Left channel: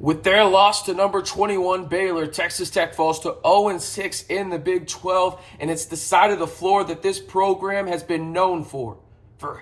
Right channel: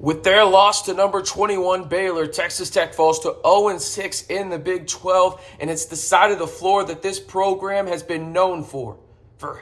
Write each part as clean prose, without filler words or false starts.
With their loss to number 21 Baylor, Texas Tech falls to 0-6 in the Big 12, and it's the side of the floor that this program has been known for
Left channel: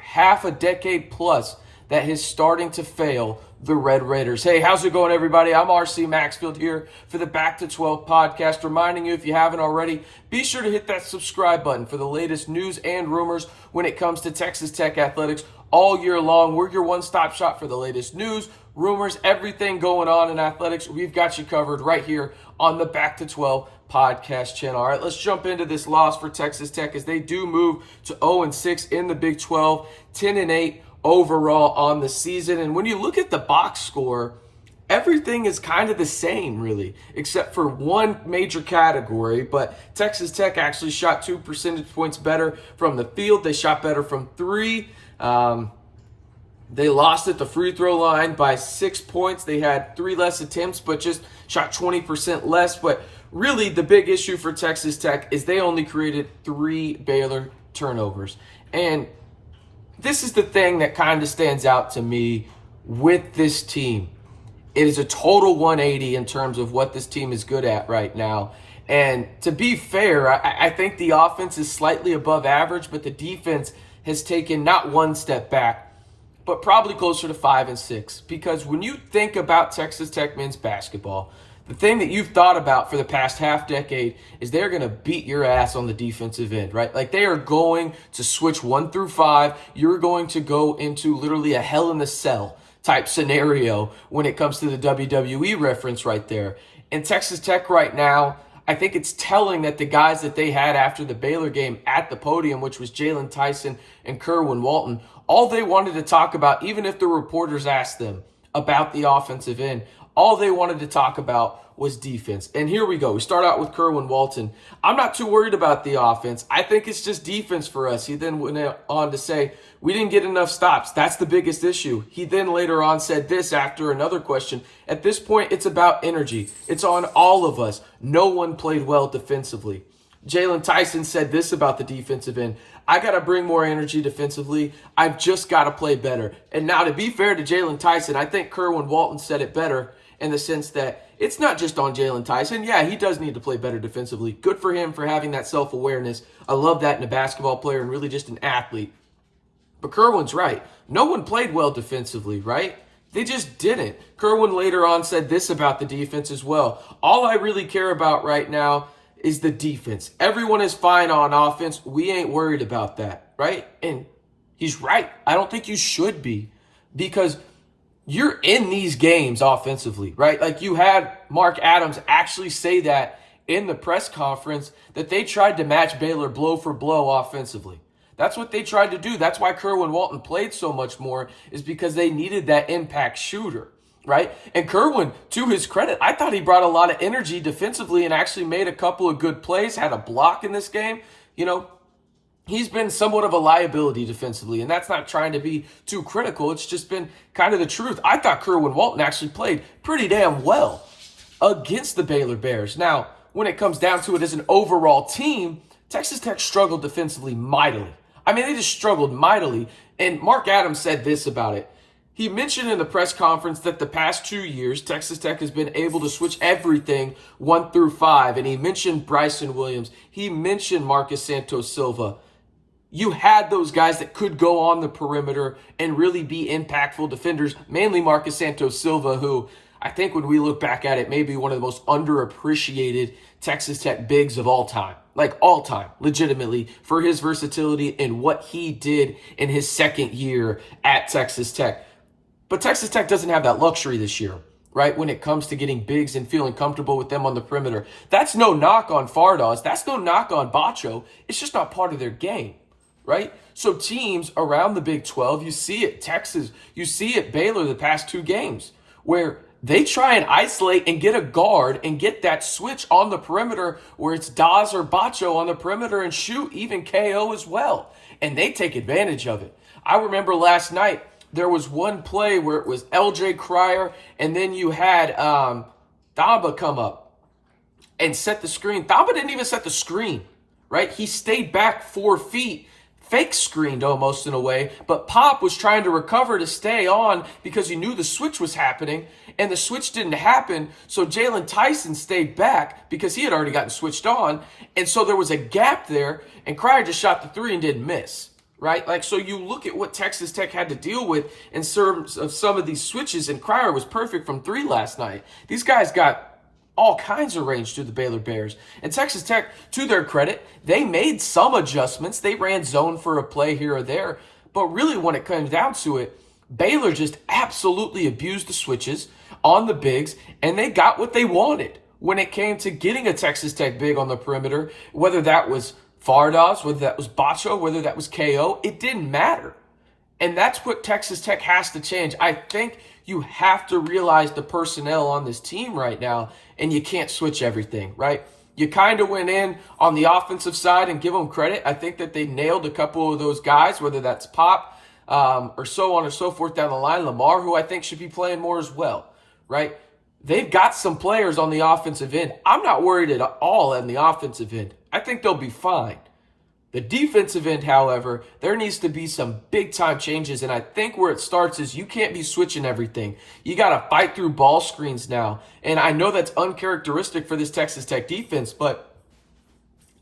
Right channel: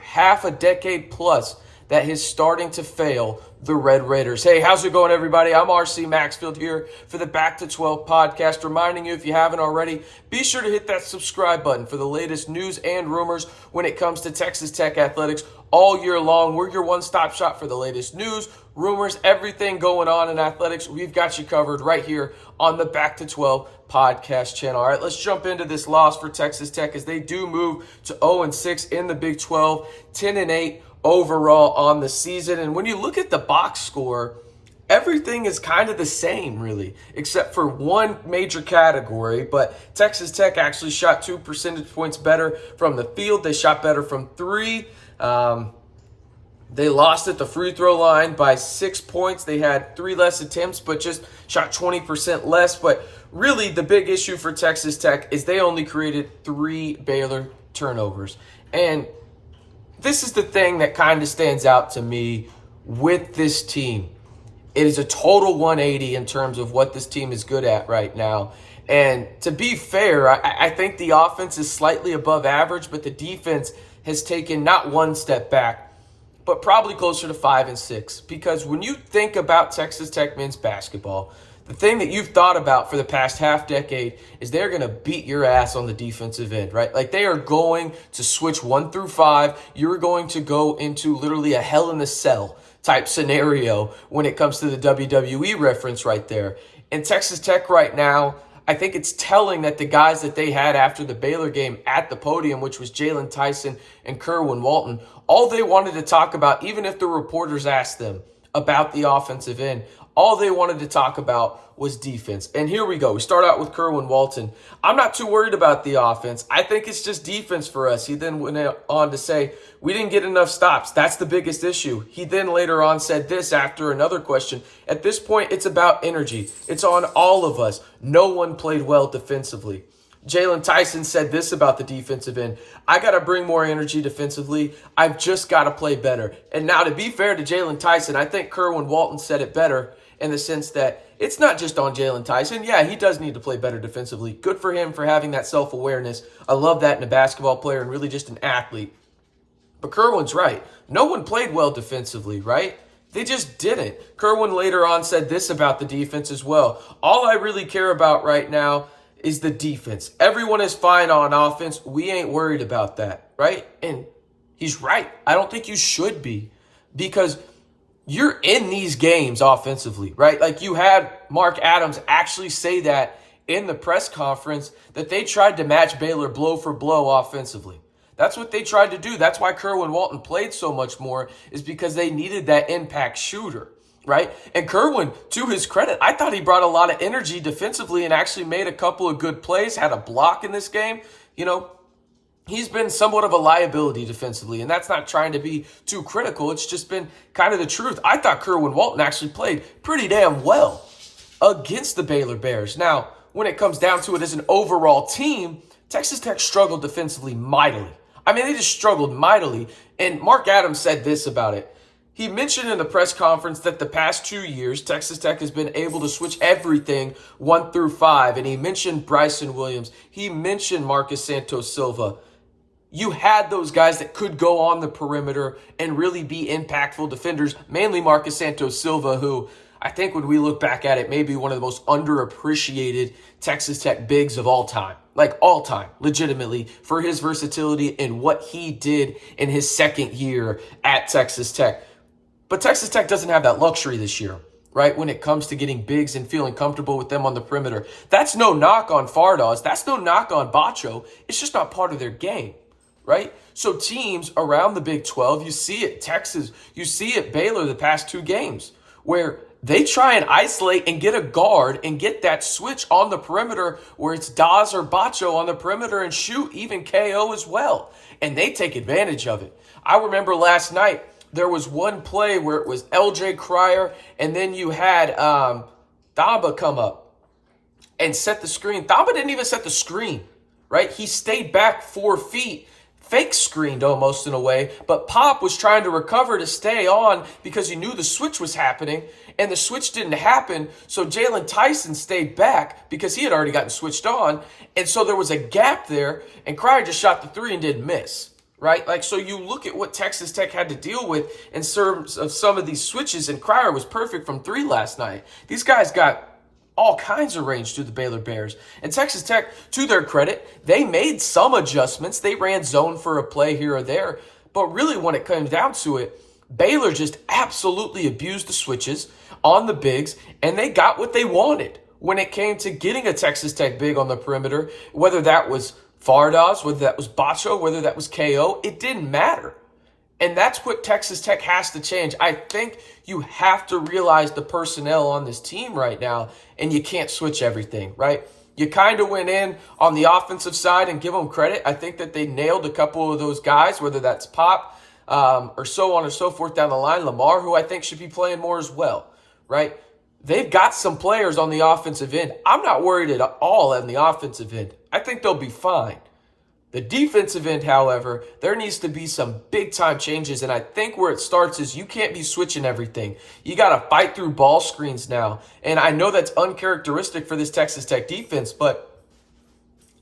half a decade plus, that is starting to fail the Red Raiders. Hey, how's it going, everybody? I'm RC Maxfield here for the Back to 12 podcast, reminding you, if you haven't already, be sure to hit that subscribe button for the latest news and rumors when it comes to Texas Tech athletics all year long. We're your one-stop shop for the latest news, rumors, everything going on in athletics. We've got you covered right here on the Back to 12 podcast channel. All right, let's jump into this loss for Texas Tech as they do move to 0-6 in the Big 12, 10-8 overall on the season. And when you look at the box score, everything is kind of the same, really, except for one major category. But Texas Tech actually shot 2 percentage points better from the field. They shot better from three. They lost at the free throw line by 6 points. They had 3 less attempts, but just shot 20% less. But really, the big issue for Texas Tech is they only created 3 Baylor turnovers. And this is the thing that kind of stands out to me with this team. It is a total 180 in terms of what this team is good at right now. And to be fair, I think the offense is slightly above average, but the defense has taken not one step back, but probably closer to 5 and 6. Because when you think about Texas Tech men's basketball, the thing that you've thought about for the past half decade is they're going to beat your ass on the defensive end, right? Like, they are going to switch 1 through 5. You're going to go into literally a hell in a cell type scenario when it comes to the WWE reference right there. And Texas Tech right now, I think it's telling that the guys that they had after the Baylor game at the podium, which was Jalen Tyson and Kerwin Walton, all they wanted to talk about, even if the reporters asked them about the offensive end, all they wanted to talk about was defense. And here we go. We start out with Kerwin Walton. I'm not too worried about the offense. I think it's just defense for us. He then went on to say, we didn't get enough stops. That's the biggest issue. He then later on said this after another question. At this point, it's about energy. It's on all of us. No one played well defensively. Jalen Tyson said this about the defensive end. I got to bring more energy defensively. I've just got to play better. And now, to be fair to Jalen Tyson, I think Kerwin Walton said it better in the sense that it's not just on Jalen Tyson. Yeah, he does need to play better defensively. Good for him for having that self-awareness. I love that in a basketball player and really just an athlete. But Kerwin's right. No one played well defensively, right? They just didn't. Kerwin later on said this about the defense as well. All I really care about right now is the defense. Everyone is fine on offense. We ain't worried about that, right? And he's right. I don't think you should be, because you're in these games offensively, right? Like, you had Mark Adams actually say that in the press conference, that they tried to match Baylor blow for blow offensively. That's what they tried to do. That's why Kerwin Walton played so much more, is because they needed that impact shooter, right? And Kerwin, to his credit, I thought he brought a lot of energy defensively and actually made a couple of good plays, had a block in this game. You know, he's been somewhat of a liability defensively, and that's not trying to be too critical. It's just been kind of the truth. I thought Kerwin Walton actually played pretty damn well against the Baylor Bears. Now, when it comes down to it as an overall team, Texas Tech struggled defensively mightily. I mean, they just struggled mightily. And Mark Adams said this about it. He mentioned in the press conference that the past 2 years, Texas Tech has been able to switch everything 1 through 5. And he mentioned Bryson Williams. He mentioned Marcus Santos Silva. You had those guys that could go on the perimeter and really be impactful defenders, mainly Marcus Santos Silva, who I think when we look back at it, may be one of the most underappreciated Texas Tech bigs of all time. Like, all time, legitimately, for his versatility and what he did in his second year at Texas Tech. But Texas Tech doesn't have that luxury this year, right, when it comes to getting bigs and feeling comfortable with them on the perimeter. That's no knock on Fardaws. That's no knock on Bacho. It's just not part of their game, right? So teams around the Big 12, you see it, Texas, you see it, Baylor the past 2 games, where they try and isolate and get a guard and get that switch on the perimeter where it's Dawes or Bacho on the perimeter and shoot, even KO as well. And they take advantage of it. I remember last night, there was one play where it was LJ Cryer, and then you had Thamba come up and set the screen. Thamba didn't even set the screen, right? He stayed back 4 feet, fake screened almost in a way, but Pop was trying to recover to stay on because he knew the switch was happening. and the switch didn't happen. So Jalen Tyson stayed back because he had already gotten switched on. And so there was a gap there, and Cryer just shot the three and didn't miss, right? Like, so you look at what Texas Tech had to deal with in terms of some of these switches, and Cryer was perfect from three last night. These guys got all kinds of range to the Baylor Bears. And Texas Tech, to their credit, they made some adjustments. They ran zone for a play here or there. But really, when it comes down to it, Baylor just absolutely abused the switches on the bigs, and they got what they wanted when it came to getting a Texas Tech big on the perimeter, whether that was Fardaws, whether that was Bacho, whether that was KO, it didn't matter. And that's what Texas Tech has to change. I think you have to realize the personnel on this team right now, and you can't switch everything, right? You kind of went in on the offensive side and give them credit. I think that they nailed a couple of those guys, whether that's Pop or so on and so forth down the line. Lamar, who I think should be playing more as well, right? They've got some players on the offensive end. I'm not worried at all on the offensive end. I think they'll be fine. The defensive end, however, there needs to be some big-time changes, and I think where it starts is you can't be switching everything. You got to fight through ball screens now, and I know that's uncharacteristic for this Texas Tech defense, but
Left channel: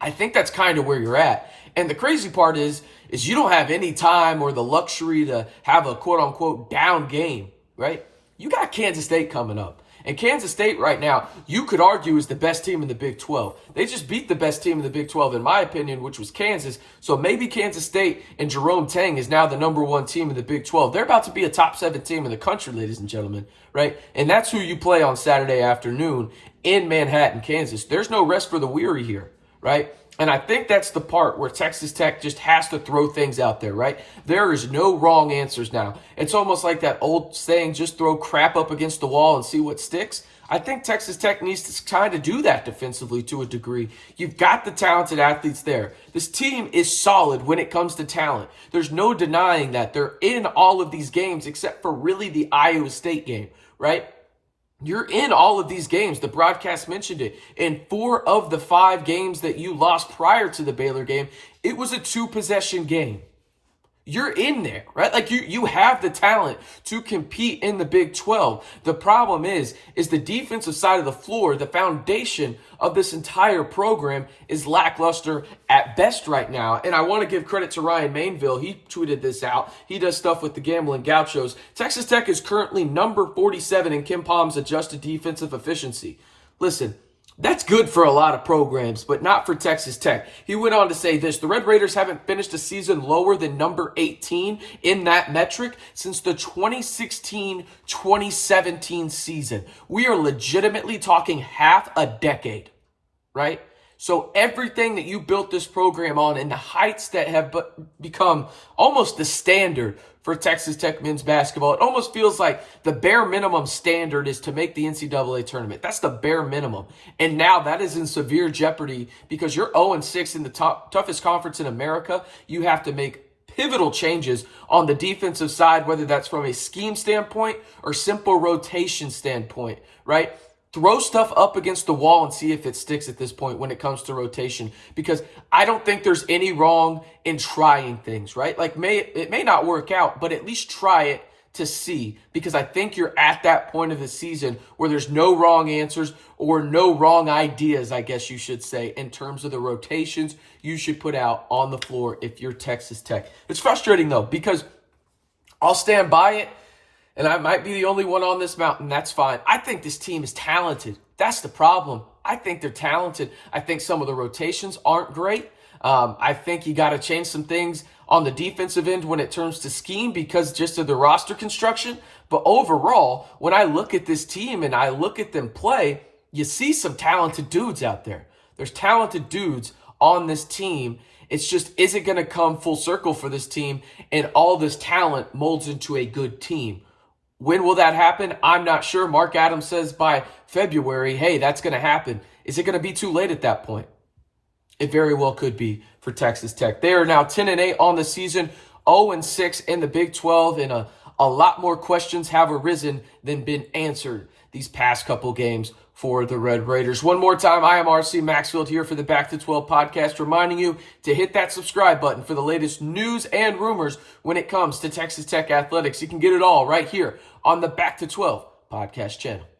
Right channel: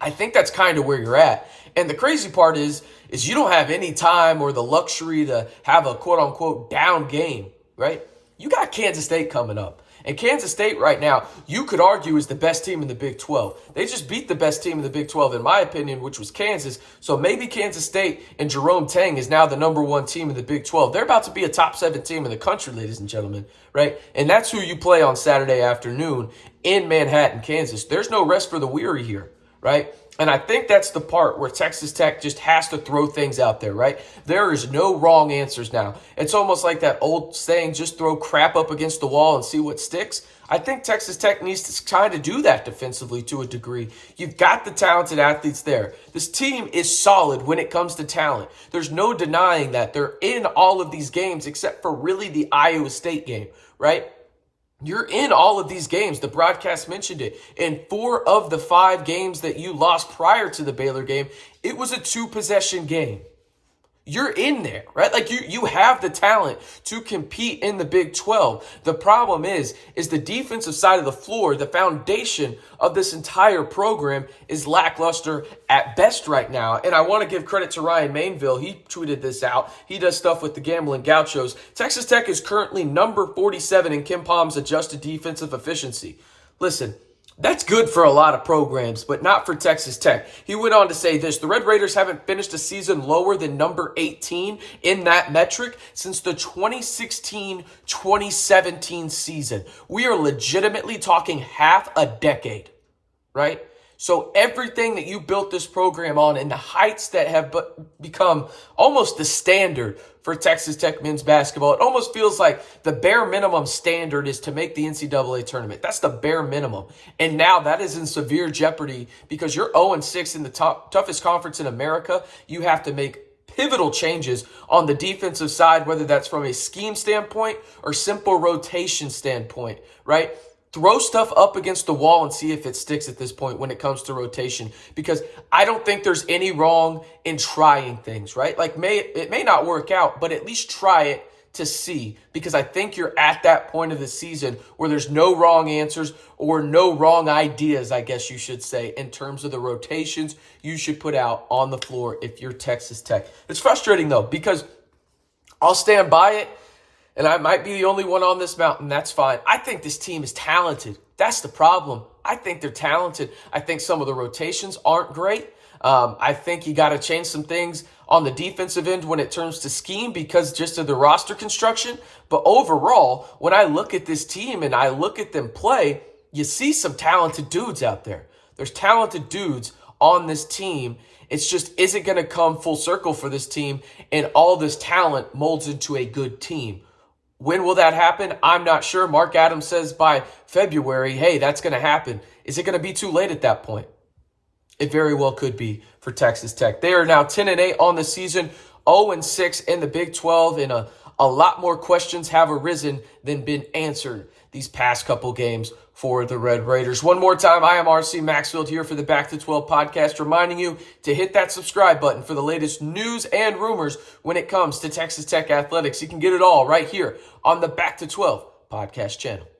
I think that's kind of where you're at. And the crazy part is you don't have any time or the luxury to have a quote-unquote down game, right? You got Kansas State coming up. And Kansas State right now, you could argue, is the best team in the Big 12. They just beat the best team in the Big 12, in my opinion, which was Kansas. So maybe Kansas State and Jerome Tang is now the number one team in the Big 12. They're about to be a top 7 team in the country, ladies and gentlemen, right? And that's who you play on Saturday afternoon in Manhattan, Kansas. There's no rest for the weary here, right? And I think that's the part where Texas Tech just has to throw things out there, right? There is no wrong answers now. It's almost like that old saying, just throw crap up against the wall and see what sticks. I think Texas Tech needs to kind of do that defensively to a degree. You've got the talented athletes there. This team is solid when it comes to talent. There's no denying that. They're in all of these games except for really the Iowa State game, right? You're in all of these games. The broadcast mentioned it. In 4 of the 5 games that you lost prior to the Baylor game, it was a 2-possession game. You're in there, right? Like you have the talent to compete in the Big 12. The problem is the defensive side of the floor, the foundation of this entire program is lackluster at best right now. And I want to give credit to Ryan Mainville. He tweeted this out. He does stuff with the Gambling Gauchos. Texas Tech is currently number 47 in KenPom's adjusted defensive efficiency. Listen, that's good for a lot of programs, but not for Texas Tech. He went on to say this: the Red Raiders haven't finished a season lower than number 18 in that metric since the 2016-2017 season. We are legitimately talking half a decade, right? So everything that you built this program on and the heights that have become almost the standard for Texas Tech men's basketball, it almost feels like the bare minimum standard is to make the NCAA tournament. That's the bare minimum. And now that is in severe jeopardy because you're 0-6 in the toughest conference in America. You have to make pivotal changes on the defensive side, whether that's from a scheme standpoint or simple rotation standpoint, right? Throw stuff up against the wall and see if it sticks at this point when it comes to rotation, because I don't think there's any wrong in trying things, right? Like it may not work out, but at least try it to see, because I think you're at that point of the season where there's no wrong answers or no wrong ideas, I guess you should say, in terms of the rotations you should put out on the floor if you're Texas Tech. It's frustrating though, because I'll stand by it. And I might be the only one on this mountain. That's fine. I think this team is talented. That's the problem. I think they're talented. I think some of the rotations aren't great. I think you got to change some things on the defensive end when it turns to scheme because just of the roster construction. But overall, when I look at this team and I look at them play, you see some talented dudes out there. There's talented dudes on this team. It's just, is it going to come full circle for this team and all this talent molds into a good team? When will that happen? I'm not sure. Mark Adams says by February, hey, that's going to happen. Is it going to be too late at that point? It very well could be for Texas Tech. They are now 10-8 on the season, 0-6 in the Big 12, and a lot more questions have arisen than been answered these past couple games for the Red Raiders. One more time, I am RC Maxfield here for the Back to 12 podcast, reminding you to hit that subscribe button for the latest news and rumors when it comes to Texas Tech athletics. You can get it all right here on the Back to 12 podcast channel.